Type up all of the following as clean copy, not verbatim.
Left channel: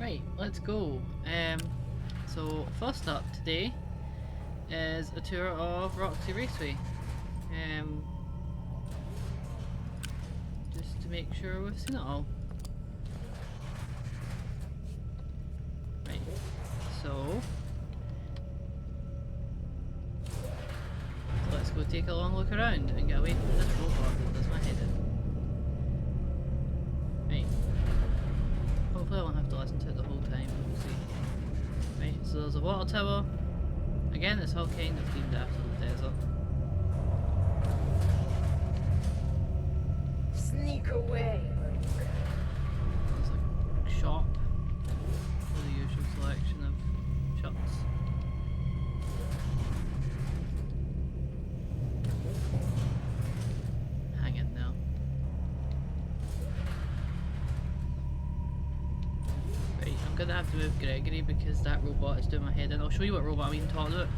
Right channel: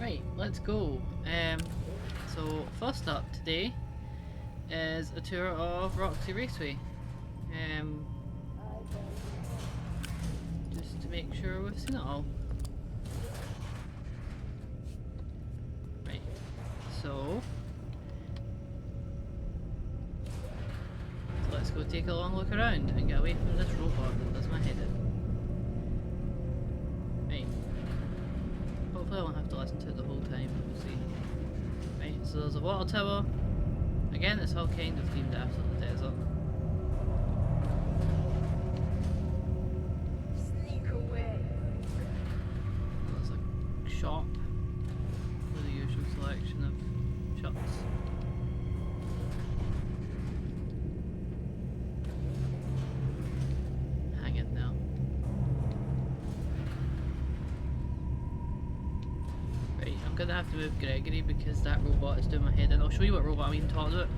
Right, let's go. So first up today is a tour of Roxy Raceway. Just to make sure we've seen it all. Right, so let's go take a long look around and get away from this robot that does my head in. Right. Hopefully I won't have to listen to it the whole time, we'll see. Right, so there's a water tower. Again, it's all kind of themed after the desert. Sneak away. There's a shop with the usual selection of shops. Hang in now. Right, I'm gonna have to move Gregory because that robot is doing my head in. I'll show you what robot I'm even talking about.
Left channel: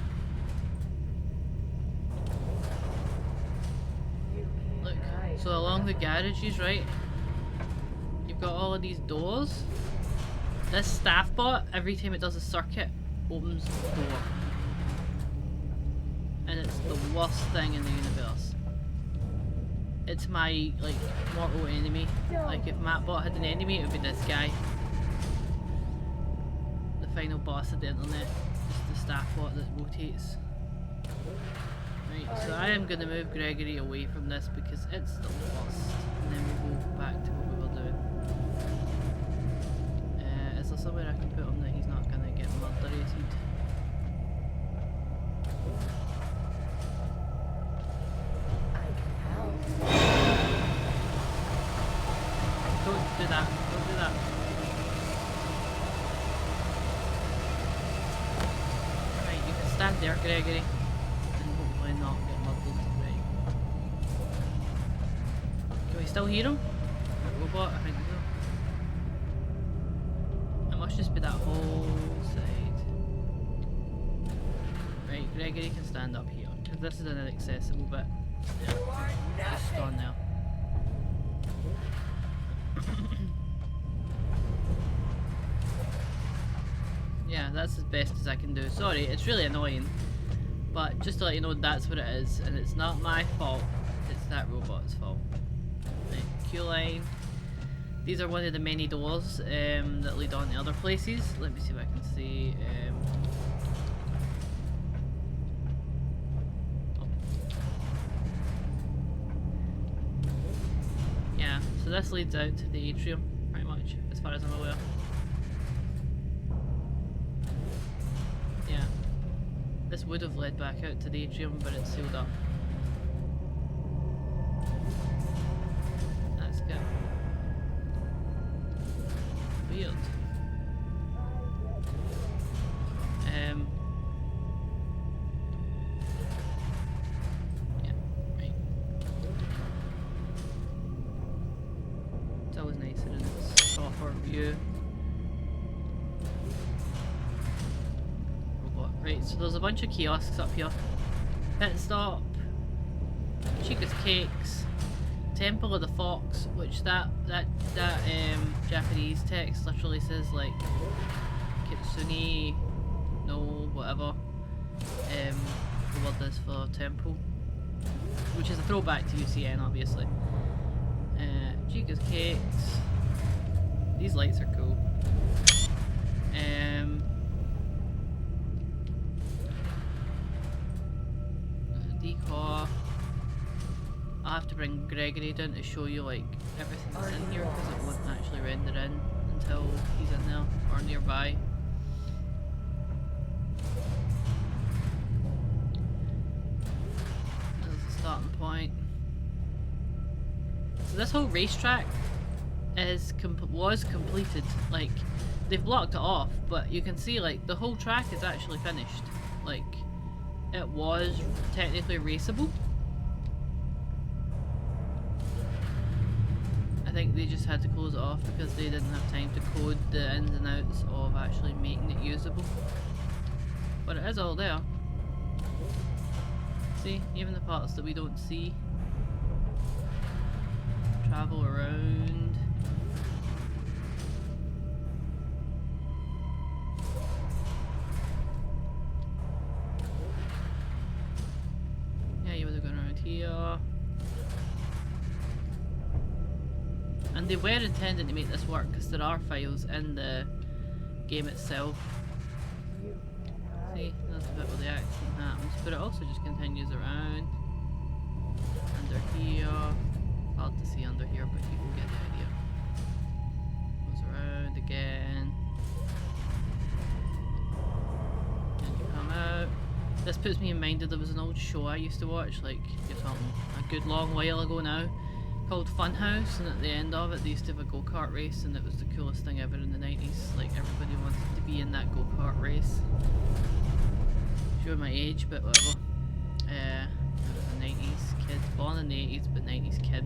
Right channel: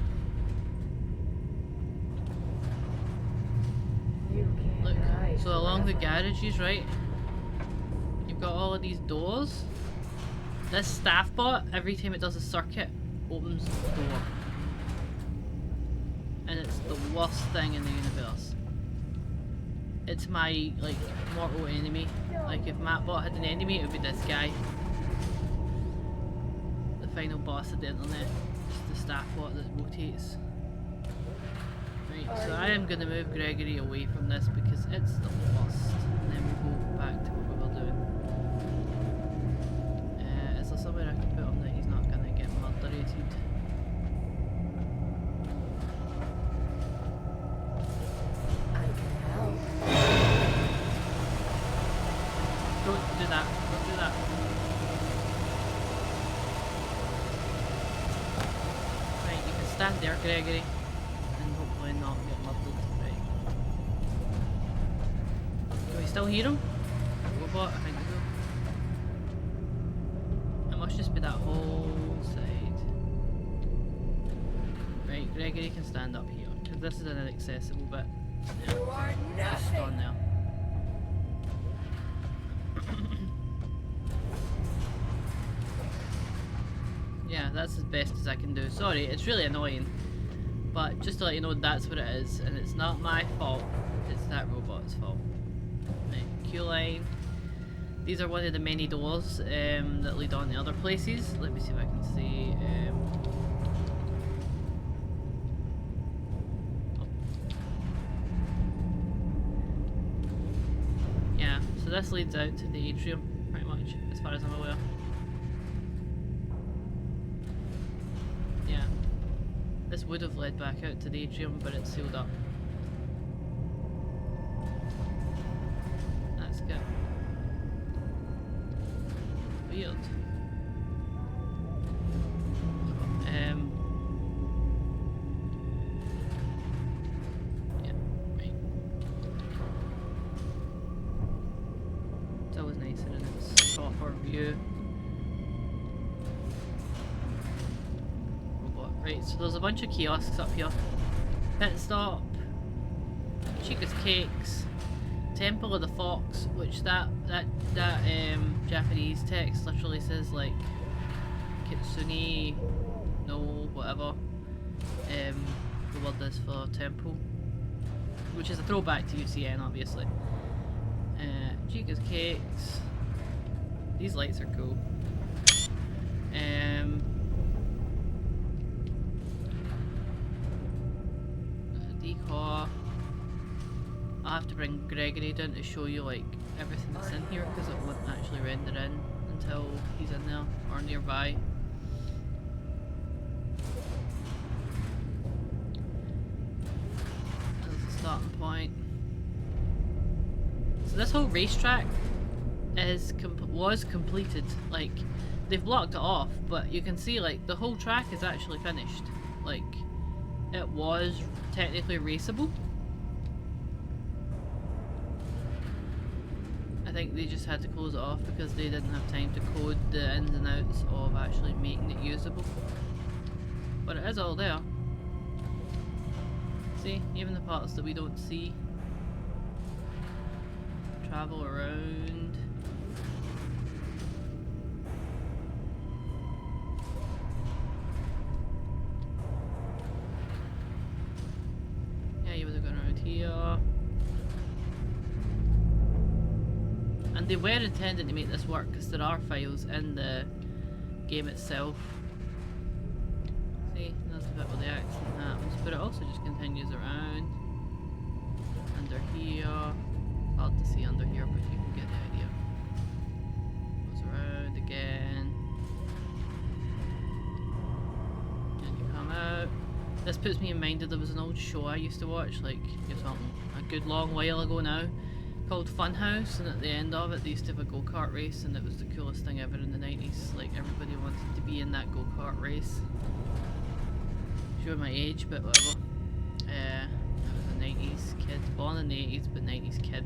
Look, so along the garages, right, you've got all of these doors. This staff bot, every time it does a circuit, opens the door. And it's the worst thing in the universe. It's my, like, mortal enemy. Like, if Mattbot had an enemy, it would be this guy. The final boss of the internet. Just the staff bot that rotates. Right, so I am going to move Gregory away from this because it's the worst. And then we'll go back to what we were doing. Is there somewhere I can put him that he's not going to get murderated? I can help. Don't do that. Don't do that. Right, you can stand there, Gregory. And hopefully not get murdered. Right. Can we still hear him? That robot? I think so. It must just be that whole side. Right, Gregory can stand up here. Because this is an inaccessible bit. Yeah. You are Just stand there. Yeah, that's as best as I can do. Sorry, it's really annoying. But just to let you know, that's what it is. And it's not my fault. It's that robot's fault. Right, queue line. These are one of the many doors that lead on to other places. Let me see if I can see. Yeah, so this leads out to the atrium, pretty much, as far as I'm aware. Yeah. This would have led back out to the atrium, but it's sealed up. That's good. Weird. Yeah, right. It's always nicer in its proper view. Robot. Right, so there's a bunch of kiosks up here. Pit stop, Chica's Cakes, Temple of the Fox, which that Japanese text literally says like Kitsune no whatever the word is for temple, which is a throwback to UCN obviously. Chica's Cakes, these lights are cool. Decor. I'll have to bring Gregory down to show you like everything that's in here because it won't actually render in until he's in there or nearby. There's the starting point. So this whole racetrack was completed. Like they've blocked it off, but you can see like the whole track is actually finished. Like it was technically raceable. I think they just had to close it off because they didn't have time to code the ins and outs of actually making it usable. But it is all there. See, even the parts that we don't see. Travel around. here. And they were intending to make this work because there are files in the game itself. See, that's the bit where the accident happens, but it also just continues around. Under here. Hard to see under here, but you can get the idea. Goes around again. And you come out. This puts me in mind that there was an old show I used to watch, like, you're talking a good long while ago now, called Funhouse, and at the end of it they used to have a go-kart race, and it was the coolest thing ever in the 90s. Like, everybody wanted to be in that go-kart race. Sure my age, but whatever. I was a 90s kid, born in the 80s, but 90s kid.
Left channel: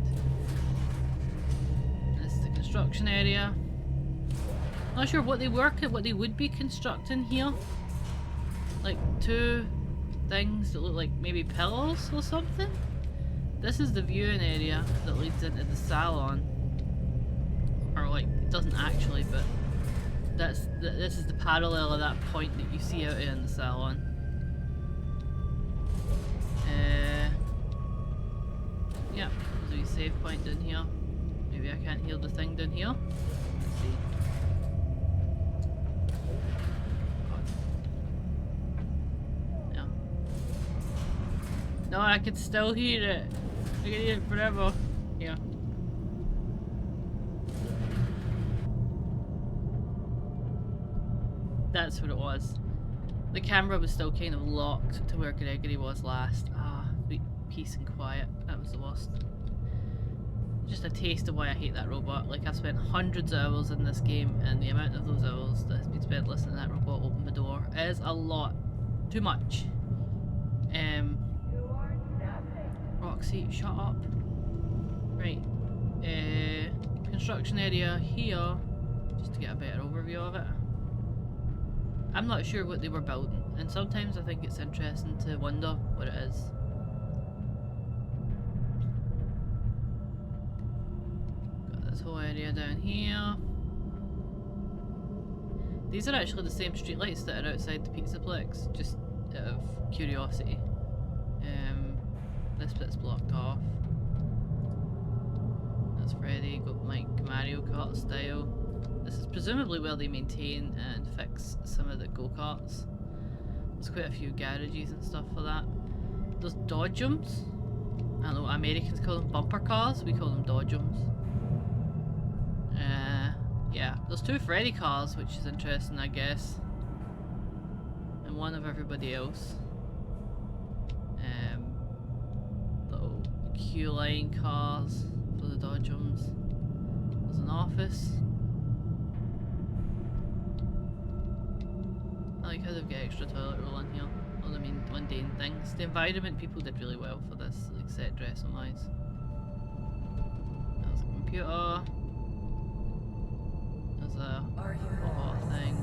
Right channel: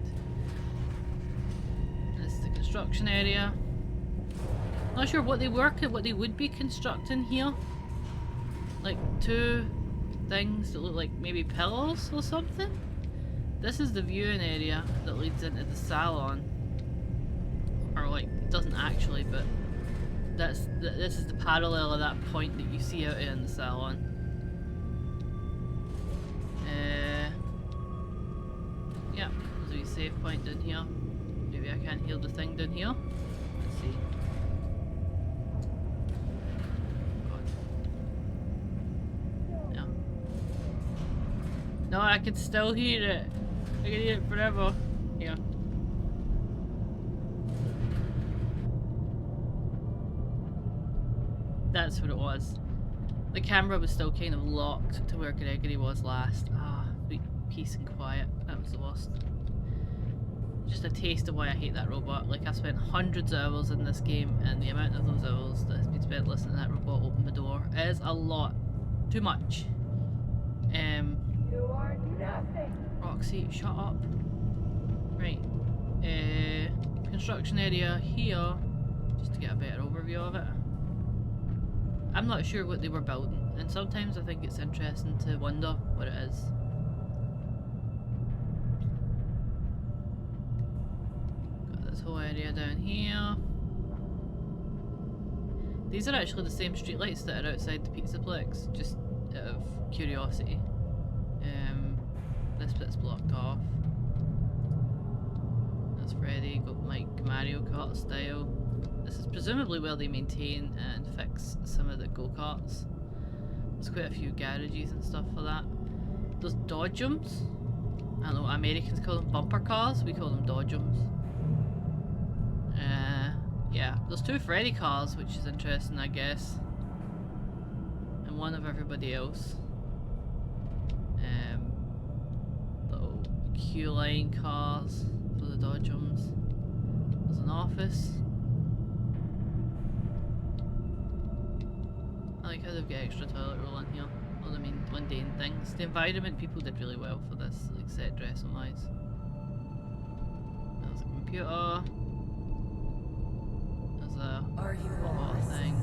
And this is the construction area. Not sure what they would be constructing here. Like two things that look like maybe pillars or something. This is the viewing area that leads into the salon. Or like, it doesn't actually, but this is the parallel of that point that you see out here in the salon. Yeah, there's a wee save point down here. Maybe I can't hear the thing down here. Let's see. God. Yeah. No, I can still hear it. I can hear it forever. Yeah. That's what it was. The camera was still kind of locked to where Gregory was last. Ah, peace and quiet. That was the worst. Just a taste of why I hate that robot. Like, I've spent hundreds of hours in this game, and the amount of those hours that has been spent listening to that robot open the door is a lot. Too much. You are nothing. Roxy, shut up. Right. Construction area here. Just to get a better overview of it. I'm not sure what they were building, and sometimes I think it's interesting to wonder what it is. Got this whole area down here. These are actually the same streetlights that are outside the pizzaplex, just out of curiosity. This bit's blocked off. That's Freddy, got like Mario Kart style. This is presumably where they maintain and fix some of the go-karts. There's quite a few garages and stuff for that. There's dodgems. I don't know what Americans call them, bumper cars. We call them dodgems. Yeah, there's two Freddy cars, which is interesting, I guess. And one of everybody else. Little Q-line cars for the dodgems. There's an office. I like how they've got extra toilet roll in here. All the main mundane things. The environment people did really well for this, like set dressing wise. There's a computer. There's a robot thing.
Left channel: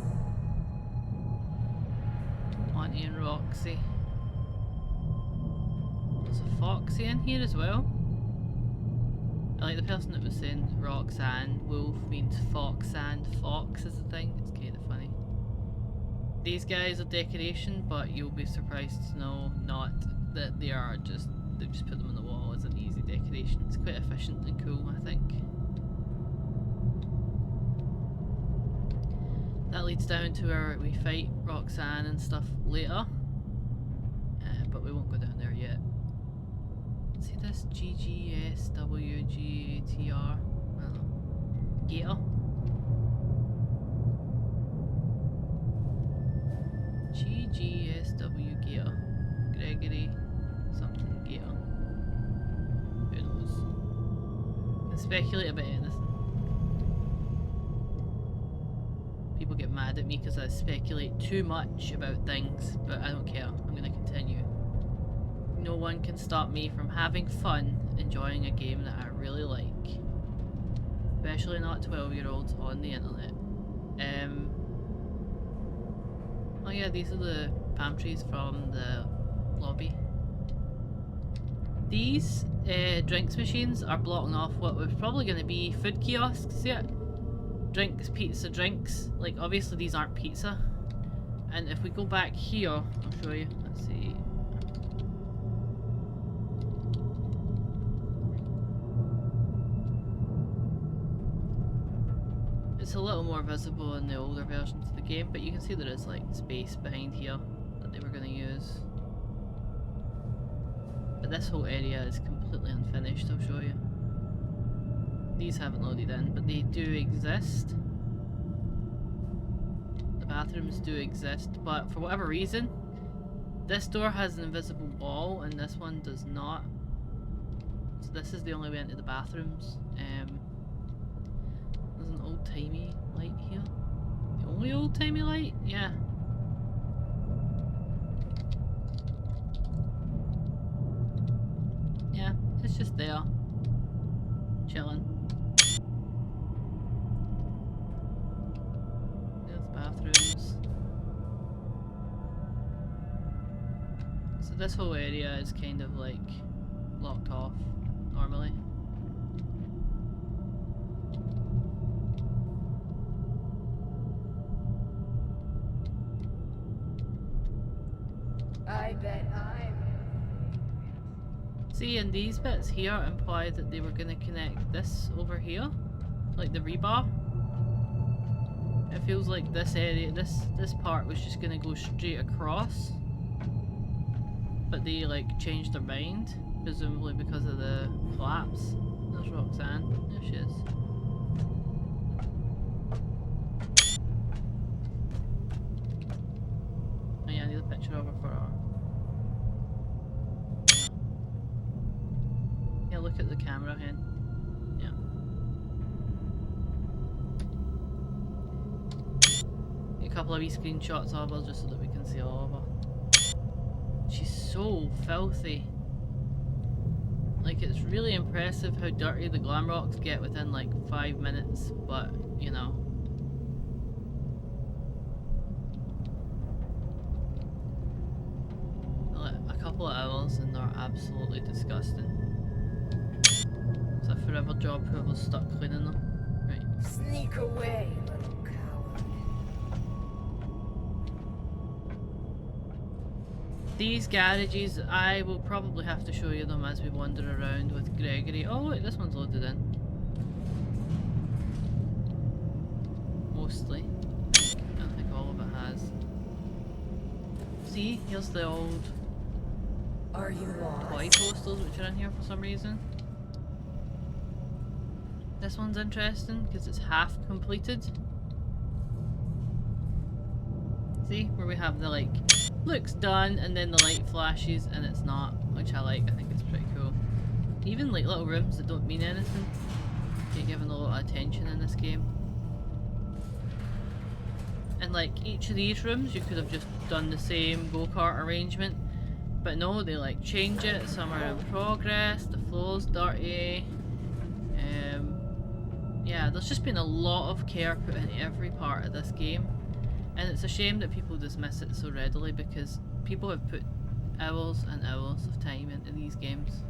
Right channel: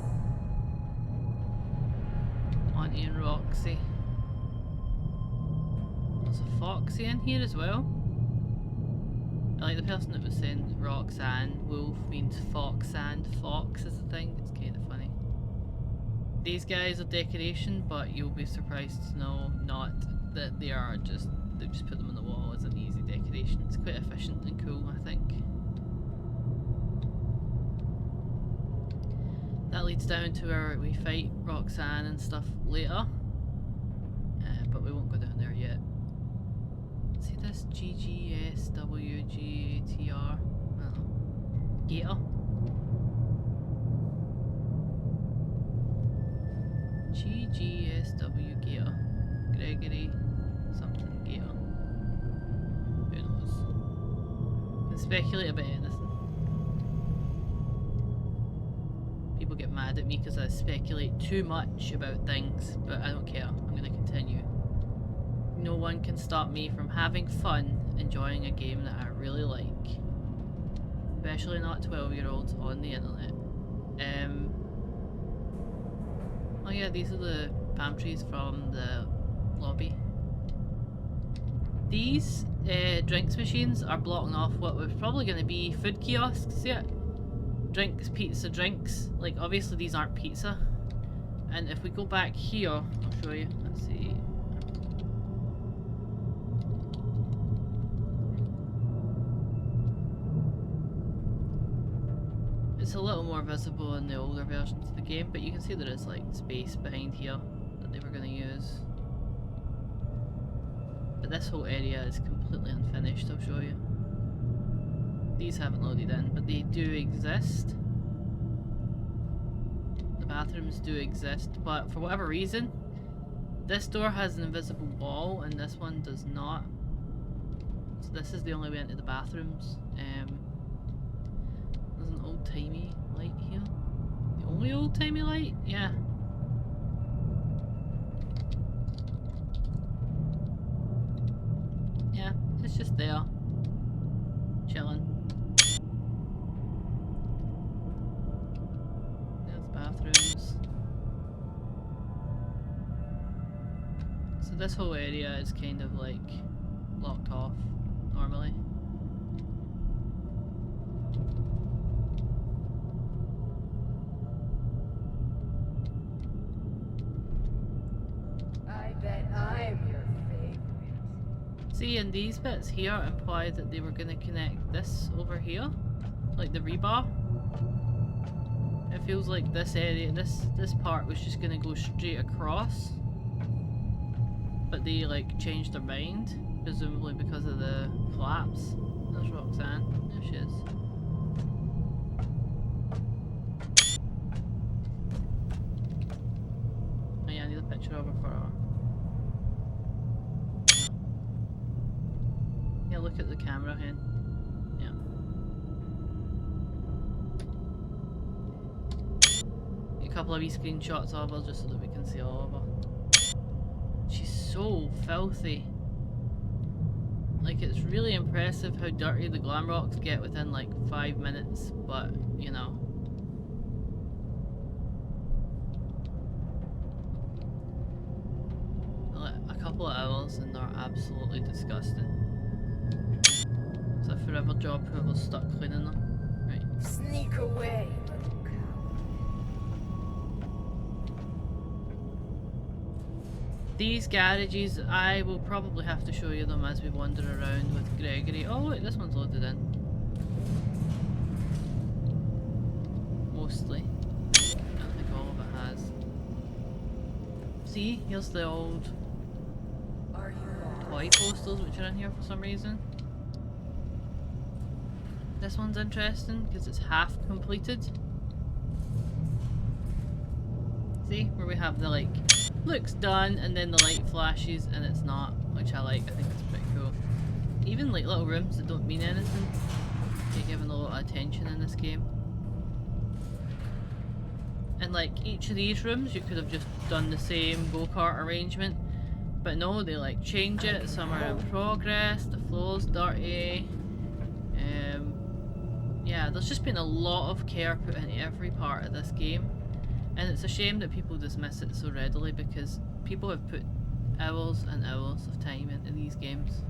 Auntie and Roxy. There's a Foxy in here as well. I like the person that was saying Roxanne. Wolf means Foxanne. Fox is the thing. It's kind of funny. These guys are decoration, but you'll be surprised to know not that they are just, they've just put them on the wall as an easy decoration. It's quite efficient and cool, I think. That leads down to where we fight Roxanne and stuff later. But we won't go down there yet. See this? GGSWGATR? I don't know. Gator? GGSW Gator. Gregory something Gator. Who knows? Can speculate about anything. People get mad at me because I speculate too much about things, but I don't care. I'm going to continue. No one can stop me from having fun enjoying a game that I really like. Especially not 12-year-olds on the internet. Oh yeah, these are the palm trees from the lobby. These drinks machines are blocking off what was probably going to be food kiosks, yeah. Drinks, pizza, drinks. Like, obviously these aren't pizza. And if we go back here, I'll show you. Let's see. It's a little more visible in the older versions of the game, but you can see there is like space behind here that they were going to use. But this whole area is completely unfinished, I'll show you. These haven't loaded in, but they do exist. The bathrooms do exist, but for whatever reason, this door has an invisible wall and this one does not. So this is the only way into the bathrooms. There's an old-timey light here. The only old-timey light? Yeah. Yeah, it's just there. Chilling. There's bathrooms. So this whole area is kind of like locked off normally. I bet I'm your favorite. See, and these bits here imply that they were going to connect this over here, like the rebar. It feels like this area, this part was just going to go straight across, but they like changed their mind, presumably because of the collapse. There's Roxanne. There she is. Oh yeah, I need a picture of her for her. Yeah, look at the camera, hen. Yeah. Get a couple of wee screenshots of her just so that we can see all of her. She's so filthy. Like, it's really impressive how dirty the glam rocks get within like 5 minutes, but you know. A couple of hours and they're absolutely disgusting. It's a forever job whoever's stuck cleaning them. Right. Sneak away, little coward. These garages, I will probably have to show you them as we wander around with Gregory. Oh look, this one's loaded in. Mostly. I don't think all of it has. See, here's the old Are you lost? toy posters which are in here for some reason. This one's interesting because it's half completed. See, where we have the like, looks done, and then the light flashes and it's not, which I like. I think it's pretty cool. Even like little rooms that don't mean anything get given a lot of attention in this game. And like each of these rooms you could have just done the same go-kart arrangement, but no, they like change it. Some are in progress, the floor's dirty. Yeah, there's just been a lot of care put into every part of this game, and it's a shame that people dismiss it so readily because people have put hours and hours of time into these games.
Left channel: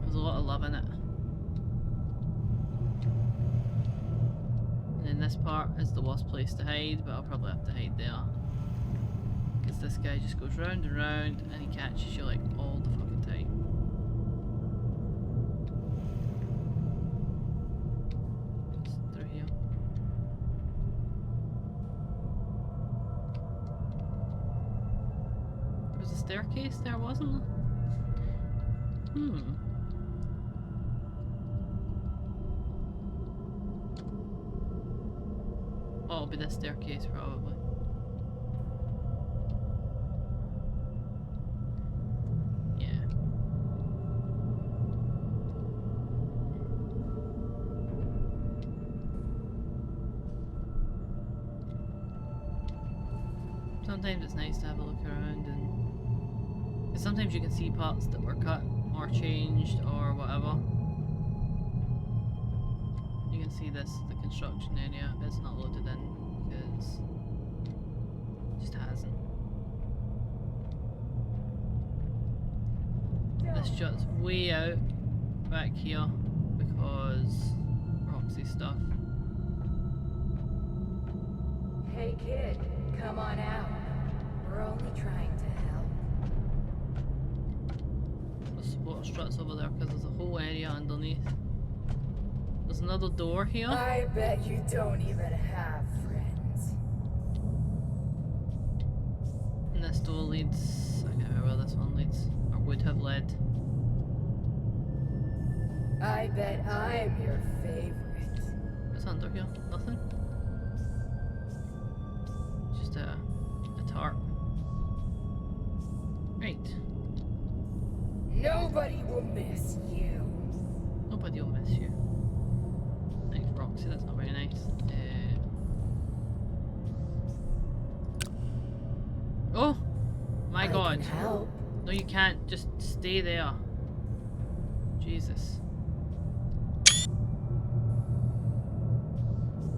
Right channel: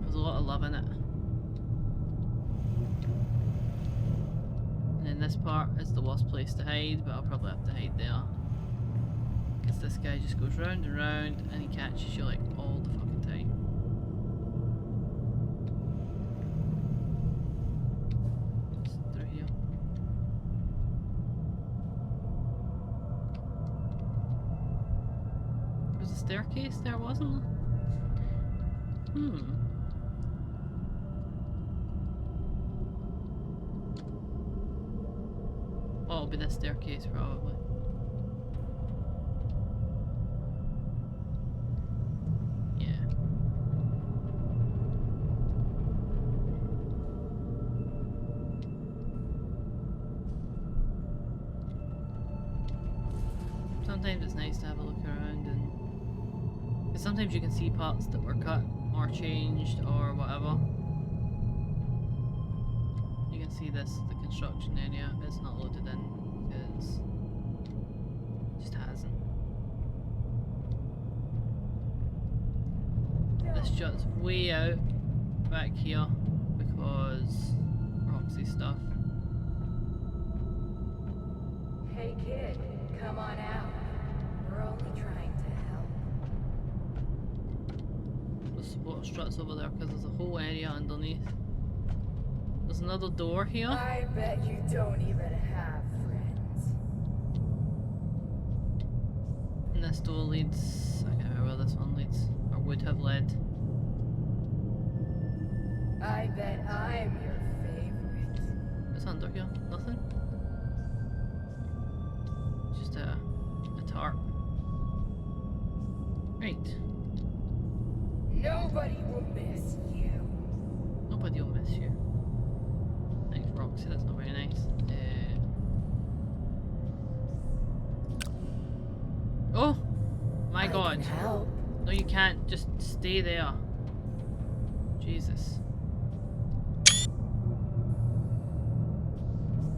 There's a lot of love in it. And then this part is the worst place to hide, but I'll probably have to hide there. Because this guy just goes round and round and he catches you like all the fucking time. Just through here. There was a staircase there, wasn't there? Oh, it'll be this staircase probably. Yeah. Sometimes it's nice to have a look around, and because sometimes you can see parts that were cut or changed or whatever. You can see this, the construction area, but it's not loaded in because it just hasn't. This jut's way out back here because Roxy stuff. Hey kid, come on out. We're only trying to help. The support struts over there because there's a whole area underneath There's another door here. I bet you don't even have friends. And this door leads... I can't remember where this one leads. Or would have led. I bet I'm your favorite. What's under here? Nothing? Just a tarp. Right. Nobody will miss you. Nobody will miss you. Thanks, Roxy. That's not very nice. Oh! My God. I can help. No, you can't. Just stay there. Jesus.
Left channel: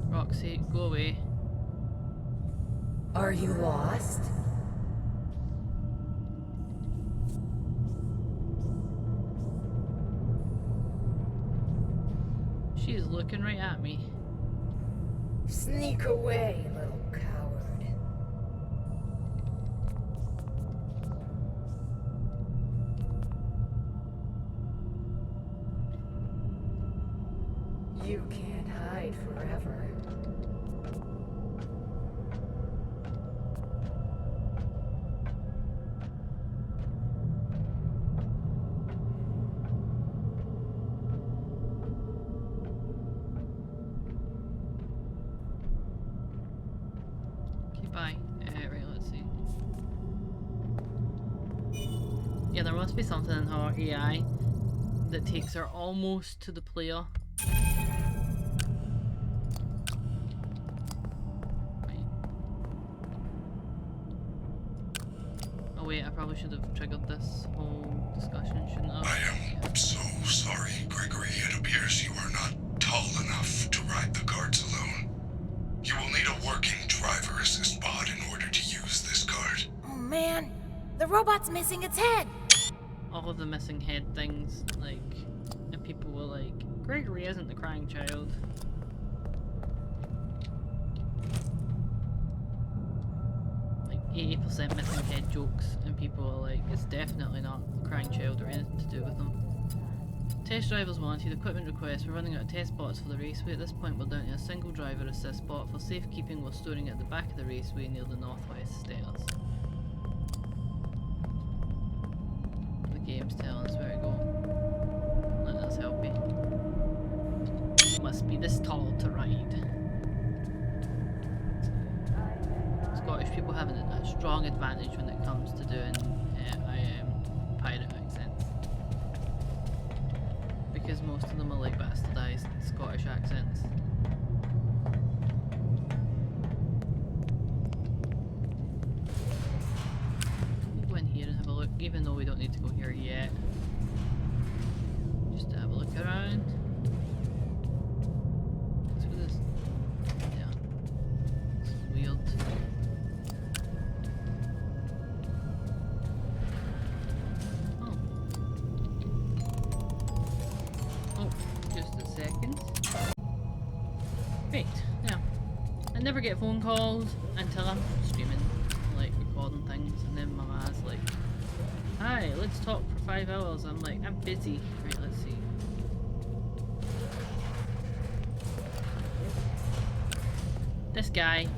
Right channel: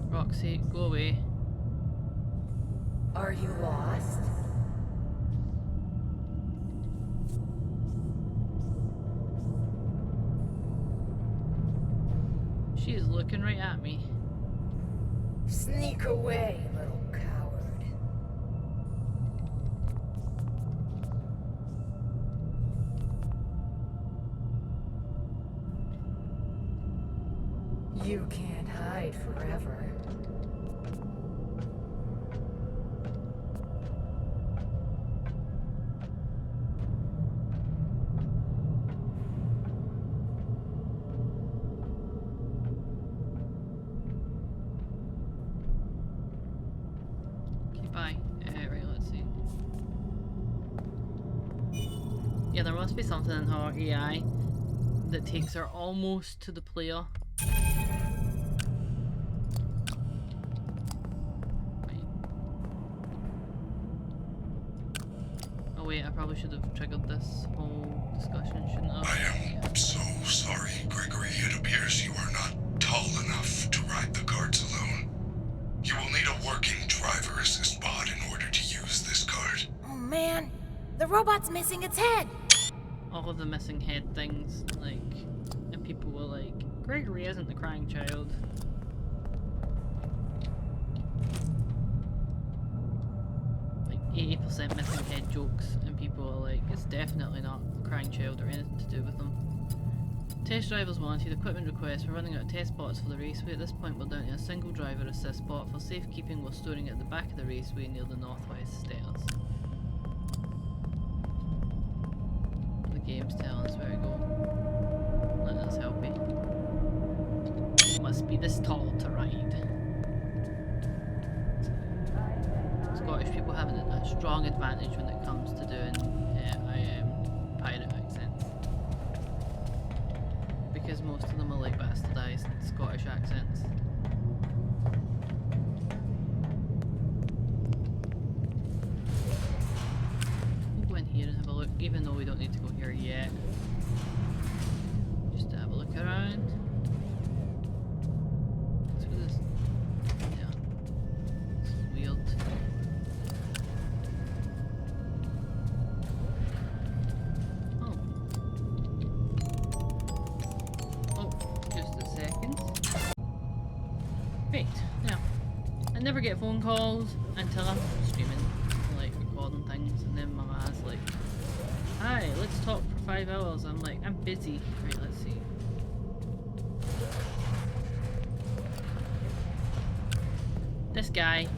Roxy, go away. Are you lost? She is looking right at me. Sneak away, little coward. You can't hide forever. Okay, bye. Right, let's see. Yeah, there must be something in her AI that takes her almost to the player. Oh wait, I probably should have triggered this whole discussion, shouldn't I? I am so sorry, Gregory. It appears you are not tall enough to ride the carts alone. You will need a working driver assist pod in order to use this cart. Oh man, the robot's missing its head. All of the missing head things, like, and people were like, Gregory isn't the crying child. Like 80% missing head jokes, and people are like, it's definitely not the crying child or anything to do with them. Test drivers wanted, equipment requests. We're running out of test spots for the raceway. At this point we're down to a single driver assist spot. For safekeeping we're storing it at the back of the raceway near the northwest stairs. The game's telling us where to go. Let us help you. You must be this tall to ride. Scottish people have a strong advantage when it comes to doing pirate accents. Because most of them are like bastardized Scottish accents. We'll go in here and have a look, even though we don't need to go here yet. Just to have a look around. What's with this? Yeah. This is weird. Seconds. Right, now, I never get phone calls until I'm streaming, like recording things, and then my ma's like, hi, let's talk for 5 hours. I'm like, I'm busy. Right, let's see. This guy.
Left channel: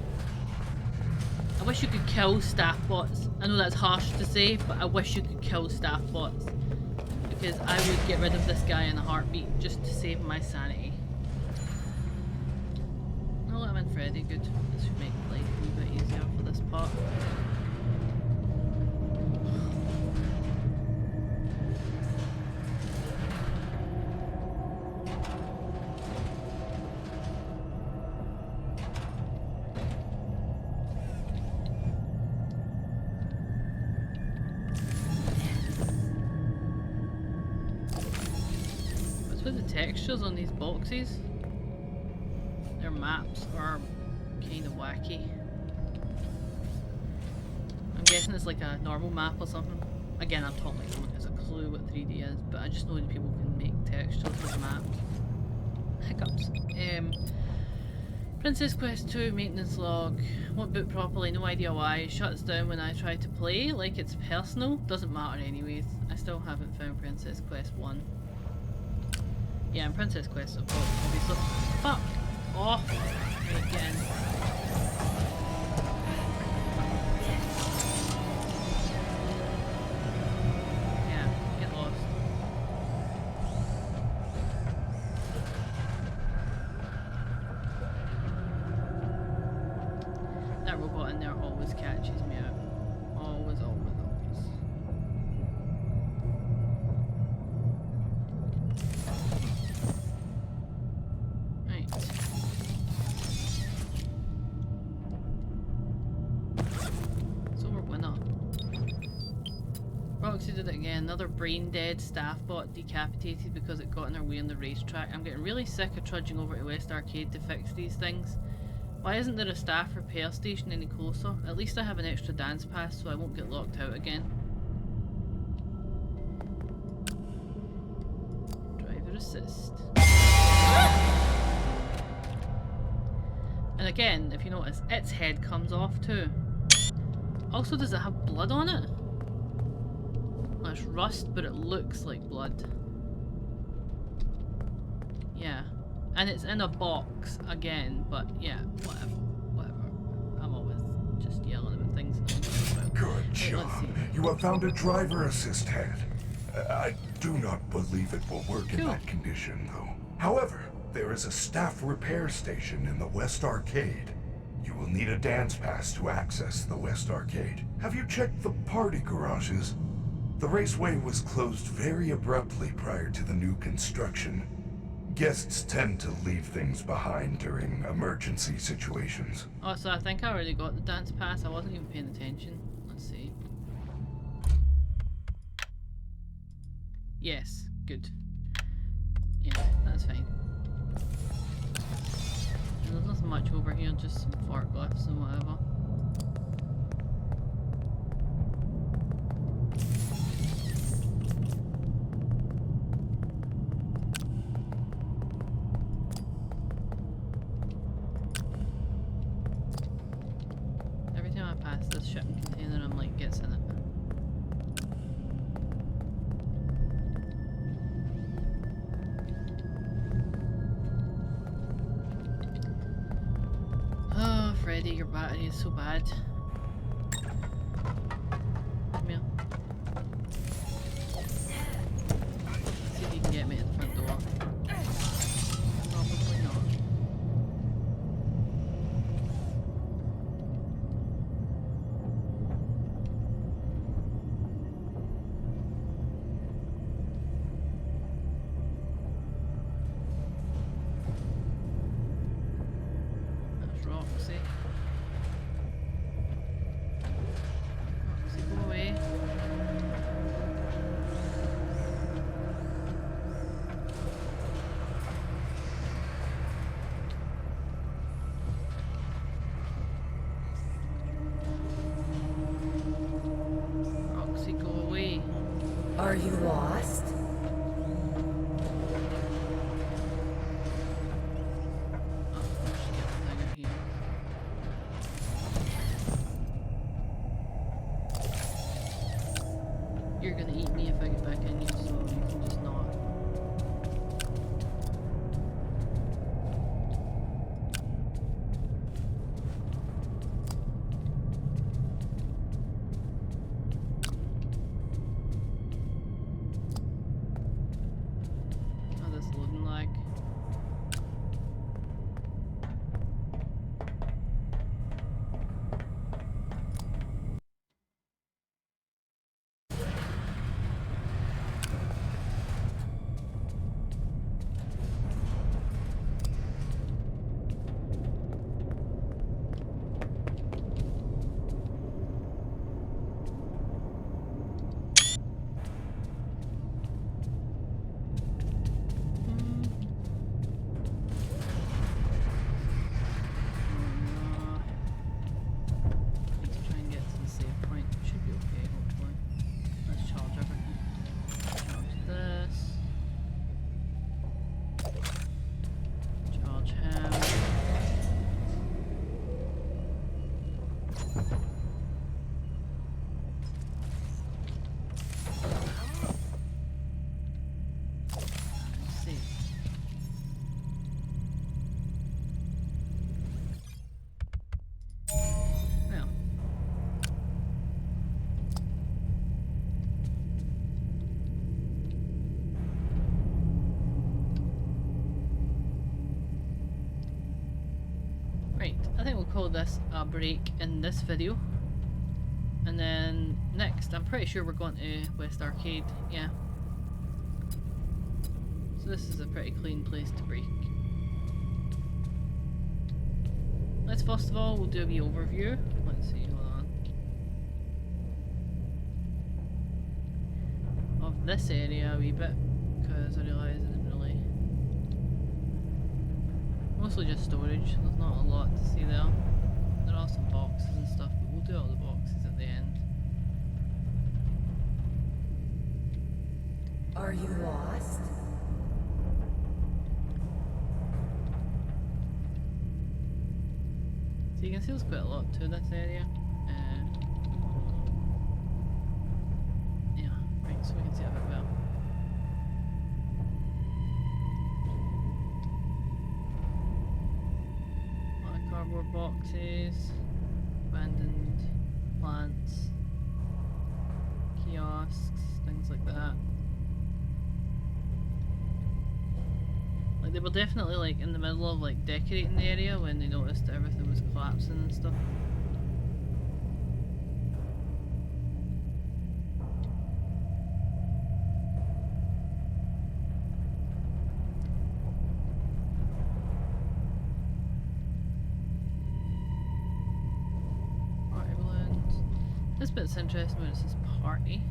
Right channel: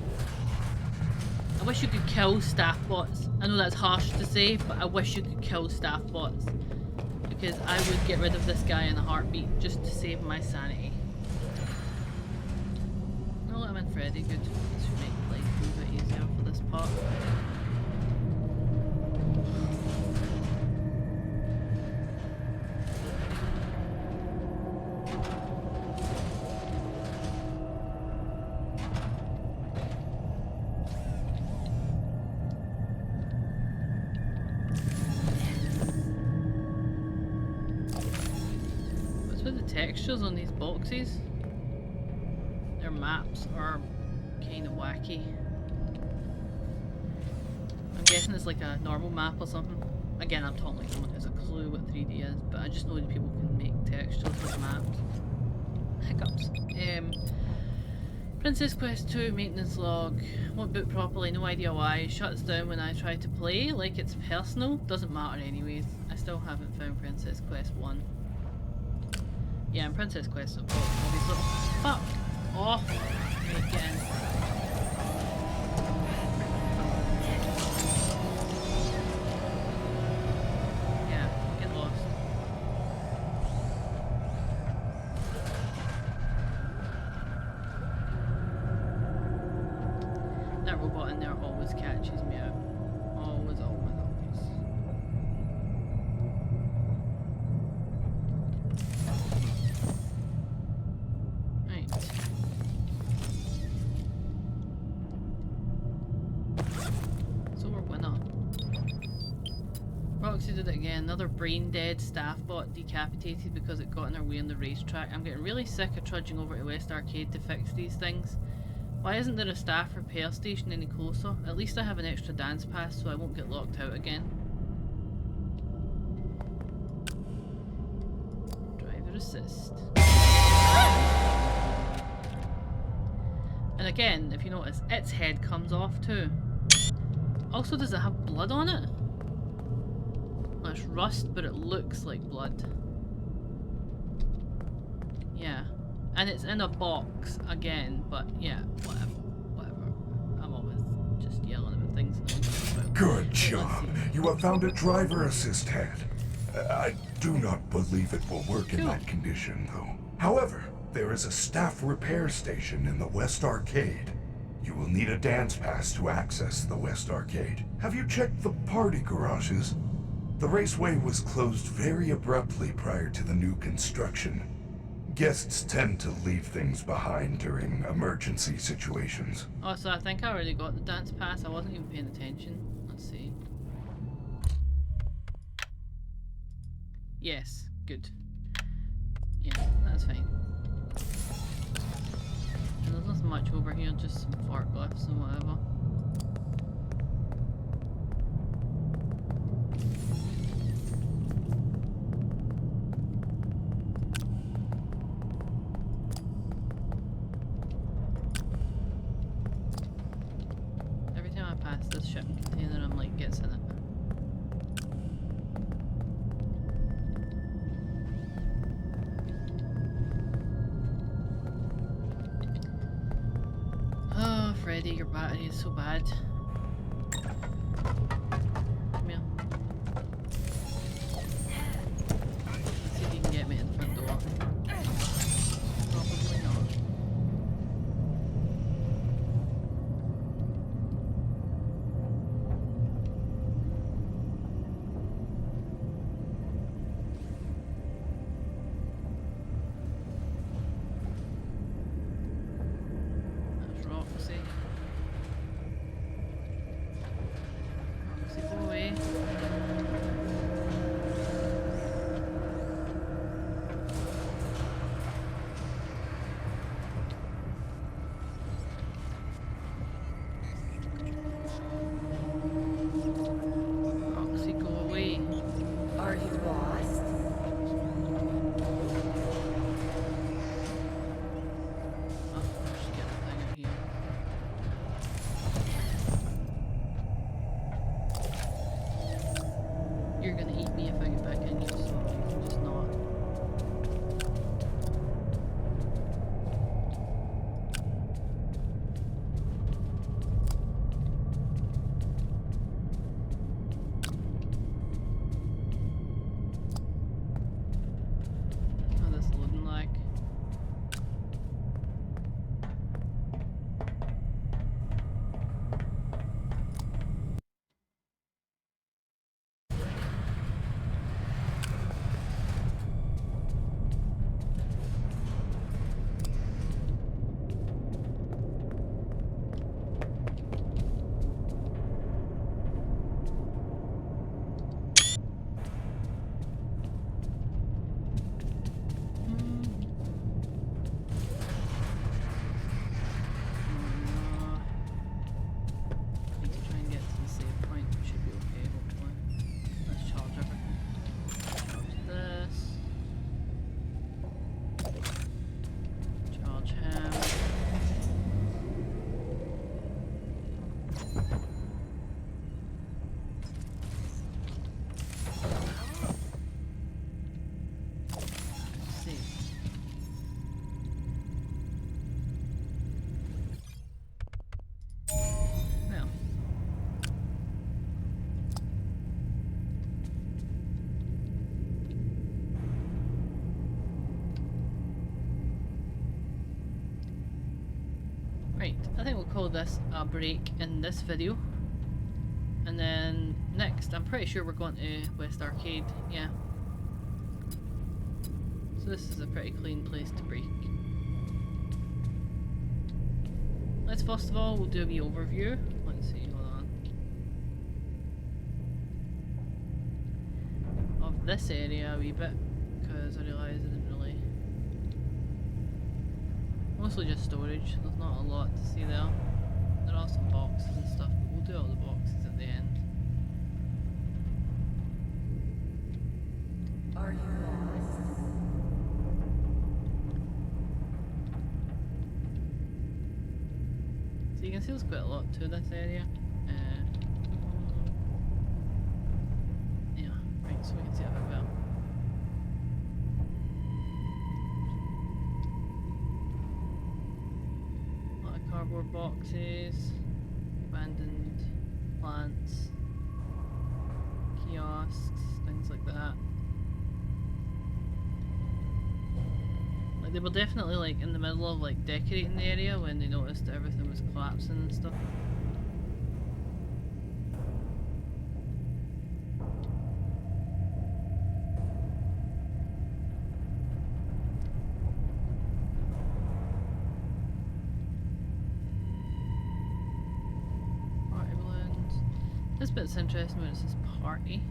I wish you could kill staff bots. I know that's harsh to say, but I wish you could kill staff bots. Because I would get rid of this guy in a heartbeat just to save my sanity. No, I'm in Freddy, good. This should make life a bit easier for this part. With the textures on these boxes, their maps are kind of wacky. I'm guessing it's like a normal map or something. Again, I'm talking like someone who has a clue what 3D is, but I just know that people can make textures with maps. Hiccups. Princess Quest 2 maintenance log. Won't boot properly, no idea why. Shuts down when I try to play, like it's personal. Doesn't matter anyways. I still haven't found Princess Quest 1. Yeah, and Princess Quest, obviously. Fuck off! Right, get in. Yeah, get lost. That robot in there always catches me out. Always, always, always. Right. So we're winner. Roxy did it again. Another brain dead staff bot decapitated because it got in her way on the racetrack. I'm getting really sick of trudging over to West Arcade to fix these things. Why isn't there a staff repair station any closer? At least I have an extra dance pass so I won't get locked out again. Driver assist. And again, if you notice, its head comes off too. Also, does it have blood on it? Well, it's rust, but it looks like blood. Yeah. And it's in a box again, but yeah, whatever. Whatever. I'm always just yelling about things no one cares about. Good job. You have found a driver assist head. I do not believe it will work in that condition, though. However, there is a staff repair station in the West Arcade. You will need a dance pass to access the West Arcade. Have you checked the party garages? The raceway was closed very abruptly prior to the new construction. Guests tend to leave things behind during emergency situations. Oh, so I think I already got the dance pass. I wasn't even paying attention. Let's see. Yes, good. Yeah, that's fine. And there's nothing much over here, just some forklifts and whatever. Every time I pass this shipping container, I'm like, gets in it. Oh, Freddy, your battery is so bad. Come here. Let's see if you can get me in the front door. Probably not. That's Roxy. Roxy, go away. Roxy, go away. Are you lost? Oh, I should get the thing out here. You're gonna eat me if I get back in here, so you can just not. Oh, this loading lag. I think we'll call this a break in this video. And then next, I'm pretty sure we're going to West Arcade, yeah. So this is a pretty clean place to break. Let's first of all, we'll do a wee overview. Let's see, hold on. Of this area a wee bit, because I realised I didn't really... Mostly just storage, there's not a lot to see there. There are some boxes and stuff, but we'll do all the boxes at the end. Are you lost? So you can see there's quite a lot to this area. Yeah, right, so we can see it a bit well. A lot of cardboard boxes, abandoned plants, kiosks, things like that. Like they were definitely like in the middle of like decorating the area when they noticed that everything was collapsing and stuff. Party balloons. This bit's interesting when it says party.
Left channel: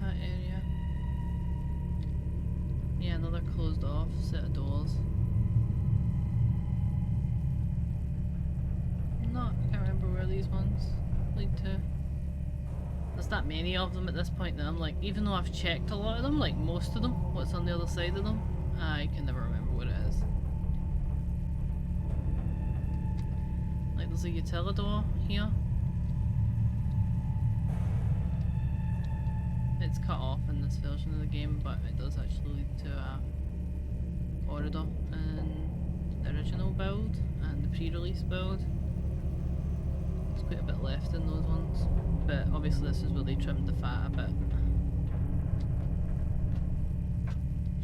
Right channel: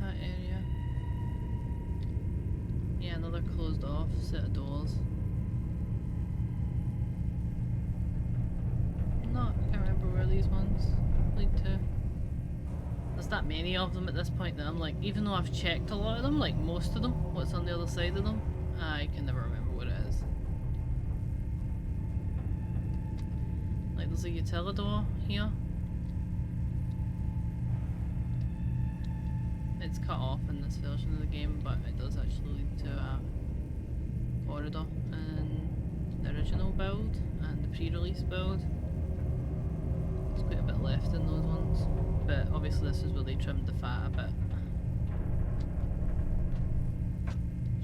That area. Yeah, another closed off set of doors. I can't remember where these ones lead to. There's that many of them at this point that I'm like, even though I've checked a lot of them, like most of them, what's on the other side of them, I can never remember what it is. Like there's a utilidor here. It's cut off in this version of the game, but it does actually lead to a corridor in the original build and the pre-release build. There's quite a bit left in those ones, but obviously this is where they trimmed the fat a bit.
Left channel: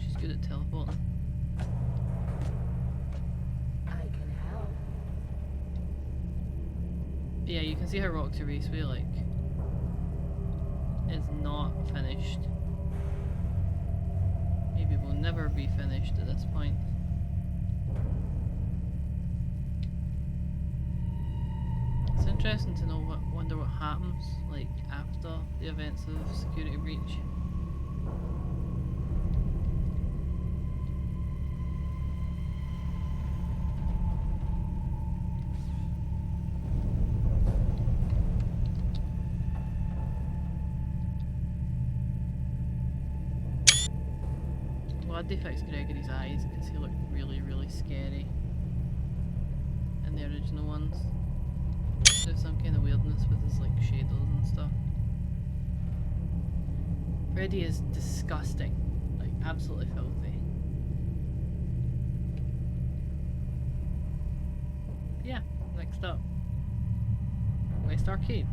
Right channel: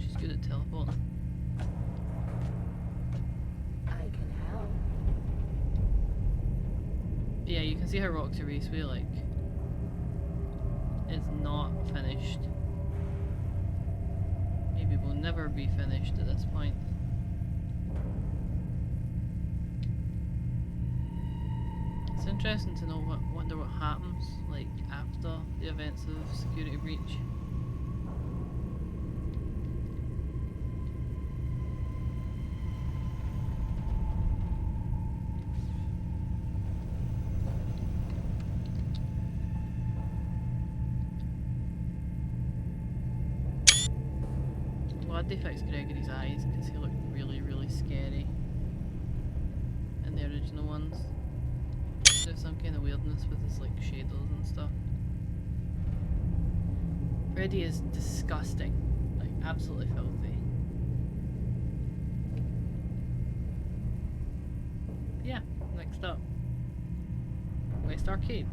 She's good at teleporting. I can help. But yeah, you can see how Roxy Raceway like is not finished. Maybe will never be finished at this point. It's interesting to know wonder what happens like after the events of Security Breach. Glad they fixed Gregory's eyes because he looked really, really scary in the original ones. There's some kind of weirdness with his like shadows and stuff. Freddy is disgusting, like absolutely filthy. Yeah, next up, West Arcade.